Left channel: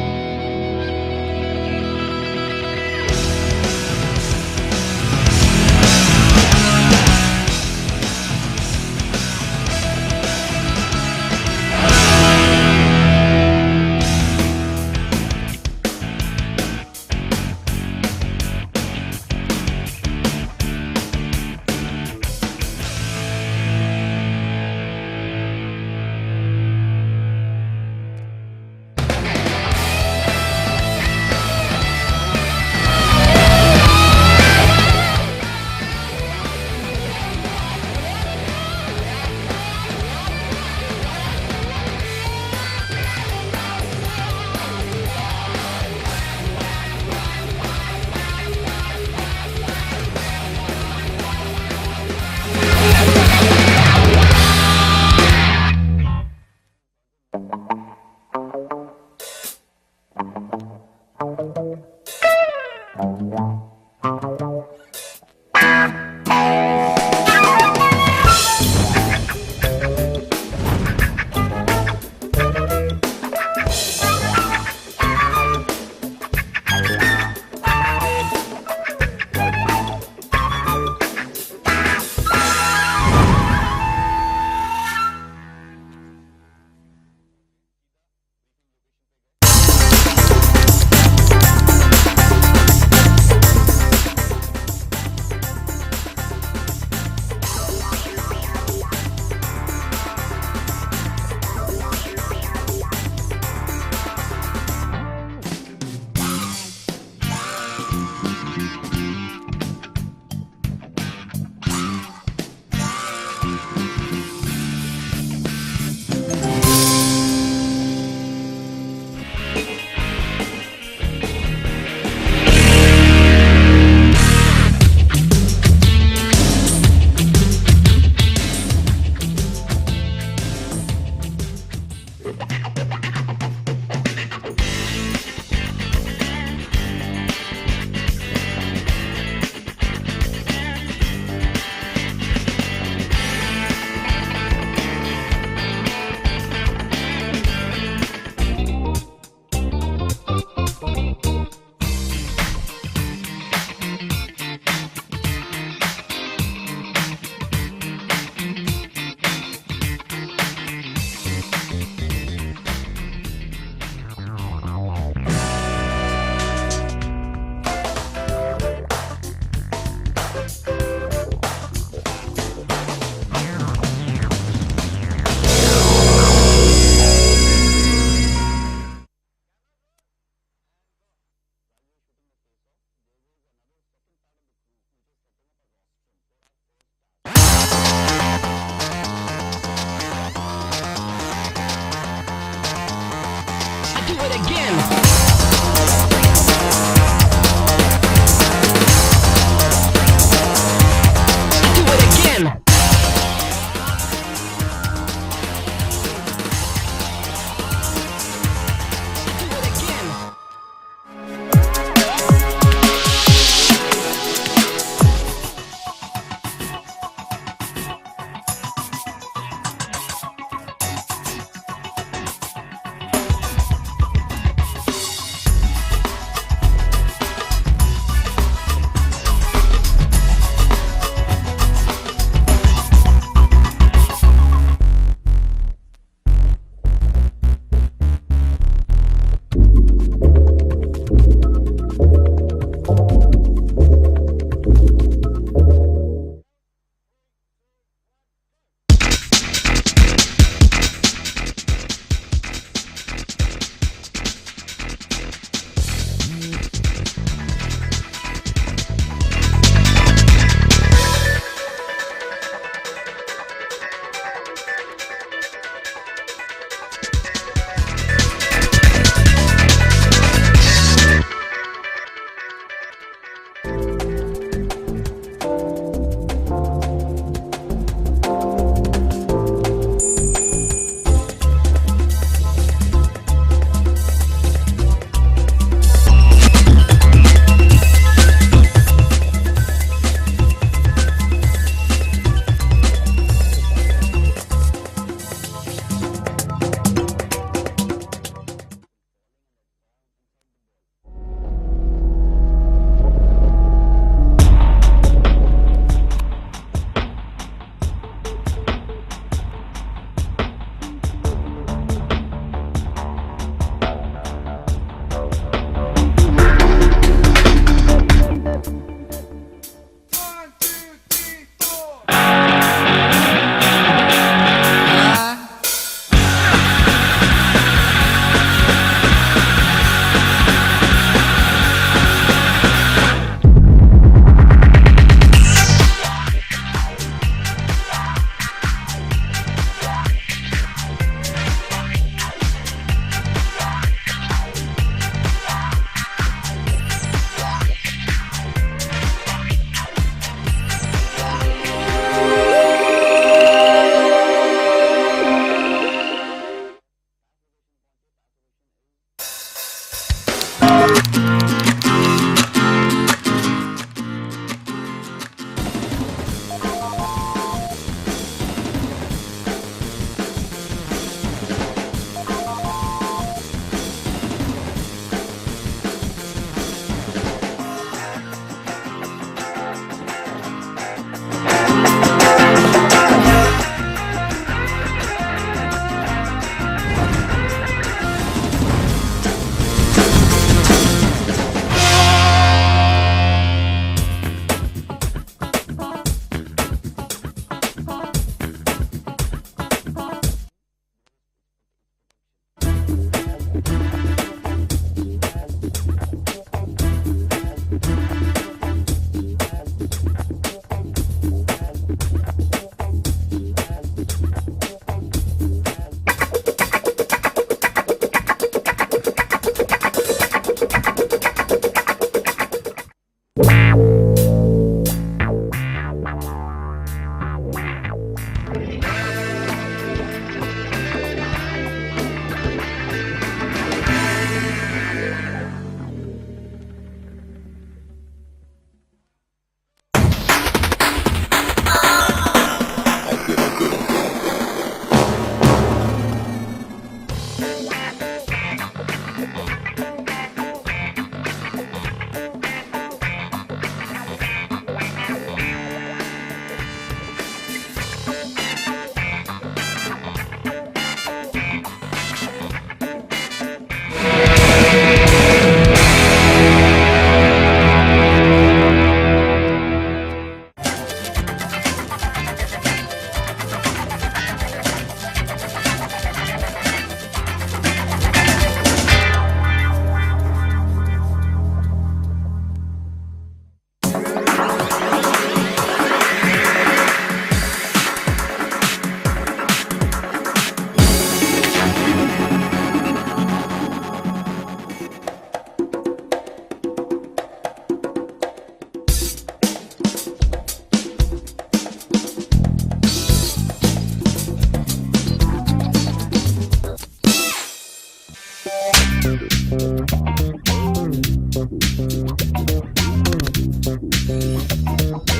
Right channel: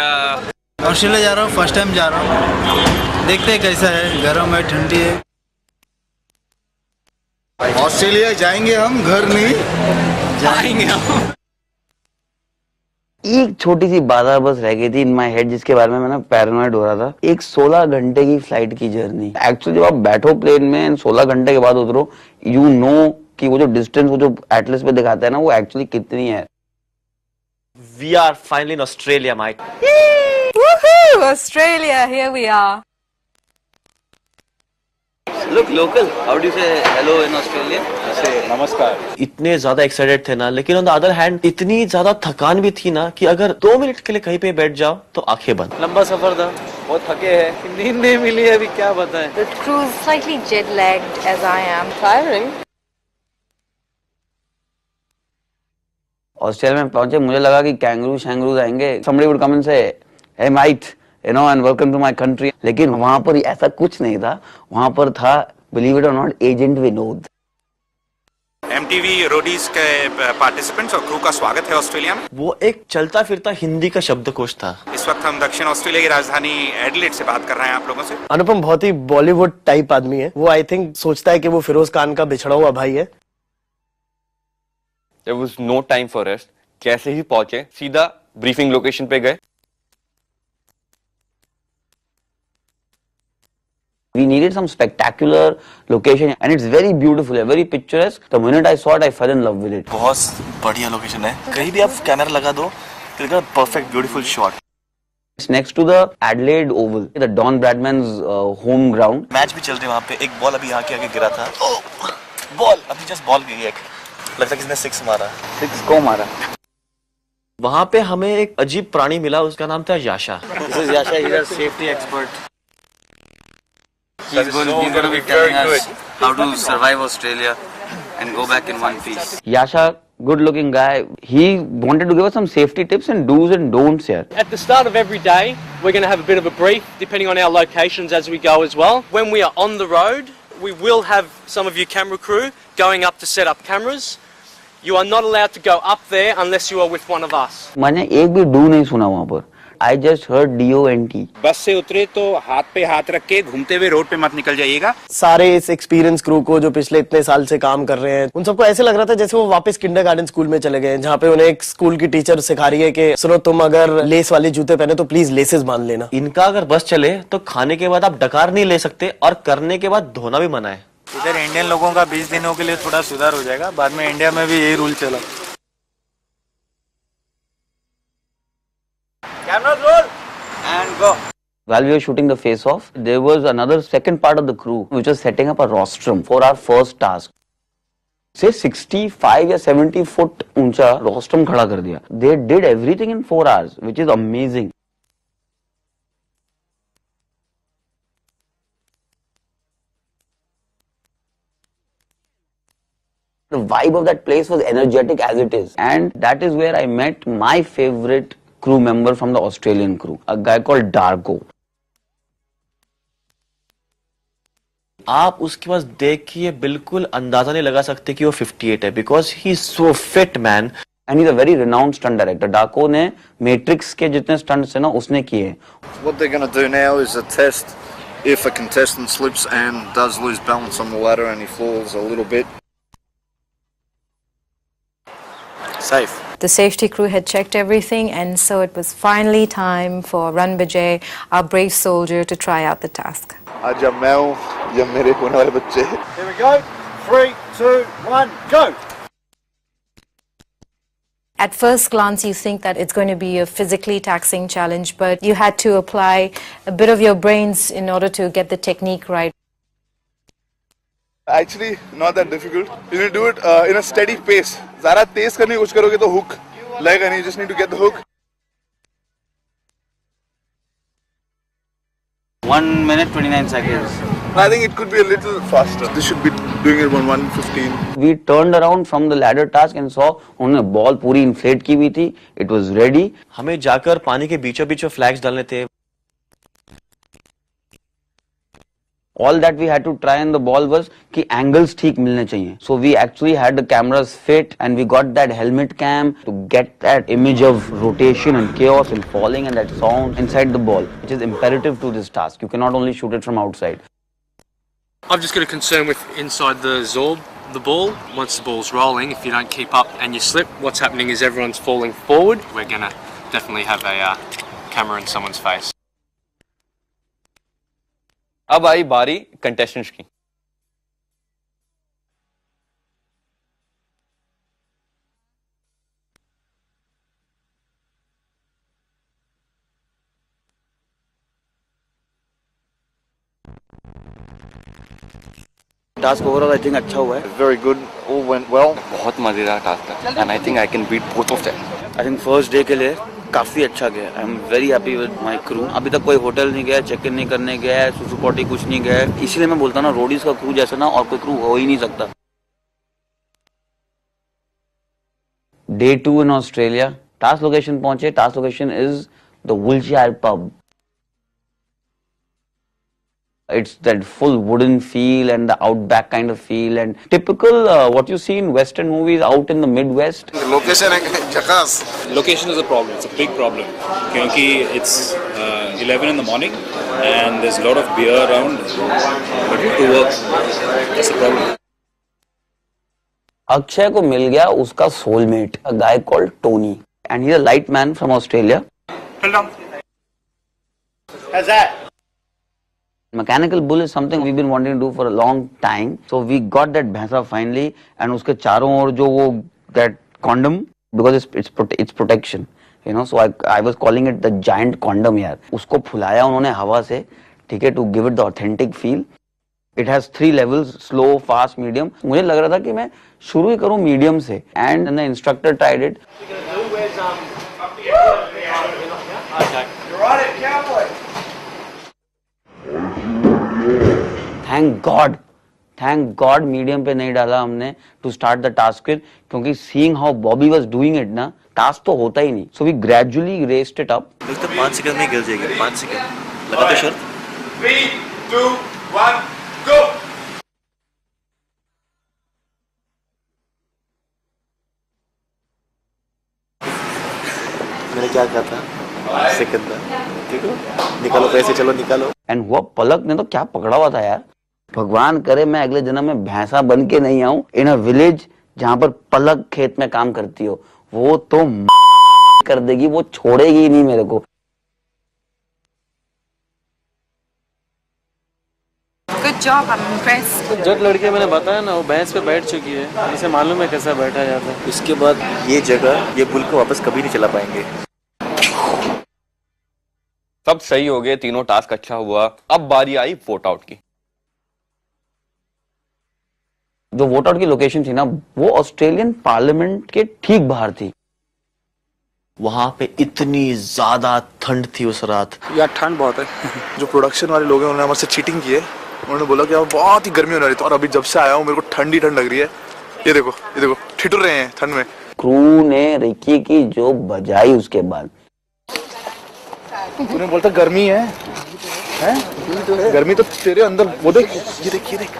Australia. Australia जा रहा हूँ, फर्स्ट टाइम जा रहा हूँ, देखते हैं कैसा है, गर्म है ठंडी है। ऑस्ट्रेलिया जाएंगे हम, घर नहीं जाएंगे हम। एक छोटी सी बाधा बस रह गई थी इन माई हेड, जिसके बारे में मैं ना पैरानॉइड हो रहा था। एक 16 घंटे की फ्लाइट की जर्नी। एक्चुअली जब आप बैठो प्लेन में 16 घंटे के बाद उतरो, यू नो कि वो जो डिस्टेंस वो जो एटलस पे दिखाता है ना, वो एक्चुअली कितनी है। We are finally in Australia, Mike. Woohoo! Australia, here we are. Look local. How do you say hello in Australia? से नमस्कार। इतने ज्यादा एक्साइटेड थे ना, लेकिन ऑन द अदर हैंड इतनी ज्यादा थकान भी थी ना कि अगर 2 मिनट के लिए कहीं पे बैठ जाओ तो आंखें बंद। लंबा सफर था, बहुत थके हैं, नींद नहीं मिली है, अभी क्या बताएं। The crew slightly jet-lagged as I am. Tiring. Australia में पहुंचे, मुझे लगा कि कैंगरू आएंगे। Somebody would come and say, "Hey mate, you know, and welcome to my country." लेकिन वहाँ पर ऐसा कुछ नहीं था। वहाँ पर था, believe it or not, agent भी नहीं। MTV रोडीज के पार्टिसिपेंट्स और क्रू का स्वागत है ऑस्ट्रेलिया में। वो एक चलता फिरता हिंदी का शब्दकोश था। इस वक्त हम दक्षिण ऑस्ट्रेलिया की राजधानी एडिलेड से बात कर रहे हैं आप लोगों से। अनुपम बहुत ही बॉलीवुड टाइप आदमी है। वो आई थिंक सोचता है कि वो फिरोज खान का बिछड़ा हुआ भाई है। There was no time for rest. कैसे ही पहुंचे, सीधा ब्रीफिंग लोकेशन पे गए। We needed some spectacular location and it's very beautiful, very picturesque. The minute I saw it, I fell in love with it. बहुत बढ़िया लोकेशन है। कहीं भी आप कैमरा लगा दो, तो perfect beautiful shot. It's next to the Adelaide Oval, the Don Bradman's home ground. Match भी चल रहे वहाँ पे। एक बॉल अभी यहाँ के आगे गिरा था। बॉल, अब जस्ट बॉल गिरी है। लगता है किसने 6 मारा। 6 को मारा। वहाँ पे हमें एक अजीब प्राणी मिला, उसका नाम था याशा। याशा इधर safety expert. How to survive Australia and go back in one piece. Yasha, good-looking guy. He wanted to give us some safety tips and do's and don'ts here. At the start of every day, we're going to have a bit of a brief, depending on our locations as we go as well. When we are on the road, we will have some of your camera crew going up to set up cameras. You are not allowed to go up there unless you are with one of us. मैंने एक भी do नहीं सुना वहाँ पर। I just heard DONT. बस से उतरे तो हाथ पे हाथ रख के घूमते हुए रोड पे मत निकल जाइएगा। सारे इस एक्सपीरियंस क्रू को जो पिछले इतने साल से काम कर रहे हैं, उन सबको ऐसे लग रहा था जैसे वो वापस किंडरगार्टन स्कूल में चले गए, जहाँ पे उन्हें एक स्कूल की टीचर सिखा रही है कि सुनो, तुम अगर लेस वाले जूते पहने तो प्लीज लेसेस बांध लेना। इनका अगर बस चले तो खाने के बाद आप डकार नहीं ले सकते और करने के बाद धोना भी मना है। इधर इंडियन लोगों का 20 दिनों के लिए थोड़ा सुधार हो जाएगा, बाद में इंडिया में भी यही रूल चला। Camera roll and go. While we were shooting the face-off, there was another second part of the crew which was setting up a rostrum for our first task. Say 65 या 70 foot ऊंचा rostrum खड़ा कर दिया. They did everything in 4 hours, which is amazing. The vibe of that place was energetic as it is, and that is where I met my favorite crew member from the Australian crew, a guy called Darko. आप उसके पास देख के ये बिल्कुल अंदाजा नहीं लगा सकते कि वो 58 है, because he is so fit man. And he's a very renowned stunt director. Darko ने Matrix के जितने stunts हैं ना उसने किए. What they're going to do now is a test. If a contestant slips and does lose balance on the ladder and he falls a little bit. Safe. The safety crew had checked everything, and so it was finally time for Ranbijay, our brave soldier, to try out the task. आज जब मैं हूँ, जब मेरे होने वाले बच्चे हैं। Here we go. 3, 2, 1, go. At first glance, you think that it's going to be a physically taxing challenge, but you had to apply a bit of your brains in order to get the technique right. Actually, not that difficult. You need to do it in a steady pace. ज़्यादा तेज करने की कोशिश करोगे तो hook लगेगा नहीं. You just need to get the hook. 1 minute 29 seconds. I think it could be a little faster. They should be doing it on 1:15. We turned around from the ladder task and saw उन्होंने ball पूरी inflate की हुई थी. It was ready. हमें जाकर पानी के बीचों बीच फ्लैग्स डालने थे. All that we had to try in the ball was कि angles ठीक मिलने चाहिए. So we actually had the cameras fit and we got that helmet cam. get that image of rotation and chaos and falling and that sound inside the ball, which is imperative to this task. You cannot only shoot it from outside. I've just got a concern with inside the Zorb, the ball. Once the ball's rolling, if you don't keep up and you slip, what's happening is everyone's falling forward. We're gonna definitely have a camera in someone's face. अब आई बारी contestants की। Task overall I think अच्छा हुआ है. Very good, all went well. बहुत मजेदार task है and I think I can beat both of them. I think first day के लिए काफी अच्छा गया. I'm very happy with my crew. अभी तक कोई होटल नहीं गया, चेक इन नहीं करने गया, किसी पार्टी कुछ नहीं गया. इसलिए मैं बोलता हूँ ना, रोडीज का क्रू जैसा ना और कोई क्रू हो ही नहीं सकता. Day 2 in Australia. Task location पहुंचे. Task location is the Woolsey pub. It's that full wooden feel and the outback kind of feel and typical what you see in Western movies out in the Midwest. The location है चकास. Location is a problem. It's a big problem. क्योंकि it's 11 in the morning and there's a lot of beer around. But to work, that's the problem. Akshay को मिल गया उसका soulmate, a guy called Tony, and he's a light man from Australia. How's that? Mechanical bull is something we've been wanting to do for a long time. So we got that bhैंसा finally, and उसके चारों ओर जो वो that condom, because it's protection, you know. So I was calling it the giant condom यार. उसको फुलाया उन्होंने हवा से, ठीक है, to give it the authentic feel. It has 3 levels: slow, fast, medium. मुझे लग रहा था कि मैं शुरू ही करूँ medium से, and the instructor tried it. Thank God medium पे नहीं डाला हमने to start the task kit, क्योंकि seeing how Bobby was doing it ना, task तो होता ही नहीं. So we gradually raised it up. उसको 5 सेकंड में गिर जाएगा. 5 सेकंड. लगा दो शर्त. 3, 2, 1, go! मैं क्या कहता हूँ? सेकंड में. ठीक है? निकालो पैसे, चलो निकालो. And वो पलक ने तो क्या पकड़ा हुआ था यार. भगवान करे मैं अगले जन्म में भैंसा बन के नहीं आऊं इन अ विलेज जहाँ पर पलक खेत में काम करती हो. वो तो कर देगी, वो छोड़ेगी ही नहीं मेरे को. Good job, I'm impressed. जो लड़के मैंने बताया ना, वो भैंस पे बैठ चुकी है. इसे मालूम है कैसा बैठा है यहाँ पे. इसके बाद ये जगह, ये बुल को वापस कभी नहीं चला पाएंगे. सब सही हो गए, तीनों टास्क अच्छा हुआ. अब बारी आई वोट आउट की. जो वोट आउट की लोकेशन थी ना, वो ऑस्ट्रेलियन पार्लियामेंट के ठीक बाहर थी. वहाँ पे इतनी ज्यादा ठंड थी उस रात. यार ठंड बहुत है. जो प्रोडक्शन वाले लोग हैं उन्होंने हमारे से चीटिंग की है. उन्होंने बोला कि अब बहुत ही गर्मी होने वाली थी और अभी जब से आया हूँ मेरे को ठंड लग रही है. ये देखो ठिठुर रहे हैं ठंड में. क्रू ने रिकी की जो बजाई उसके बाद. तूने बोलता गर्मी है? गर्मी तो तेरे अंदर. वो देख, ये देख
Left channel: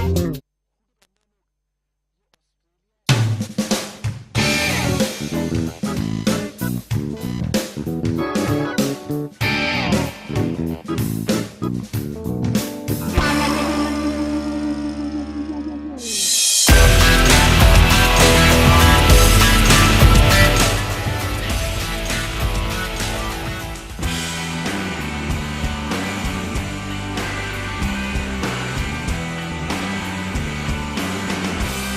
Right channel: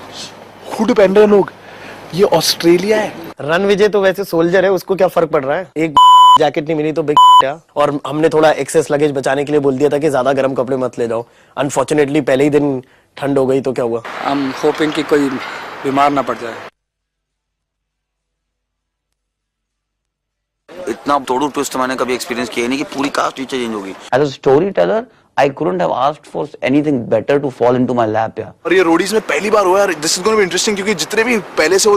हुड पहन रहे लोग. ये ऑस्ट्रेलिया है. रणविजय तो वैसे सोल्जर है, उसको क्या फर्क पड़ रहा है. एक जैकेट नहीं मिली तो बिग क्या. और हमने थोड़ा एक्सेस लगेज बचाने के लिए बोल दिया था कि ज्यादा गर्म कपड़े मत ले जाओ. अनफॉर्चुनेटली पहले ही दिन ठंड हो गई तो क्या हुआ. हम होपिंग कि कोई बीमार ना पड़ जाए. इतना तोड़ू ट्विस्ट मैंने कभी एक्सपीरियंस किया नहीं कि पूरी कास्ट नीचे चेंज होगी. As a storyteller, I couldn't have asked for anything better to fall into my lap. और ये रोडीज में पहली बार हुआ यार. This is going to be interesting क्योंकि जितने भी पहले से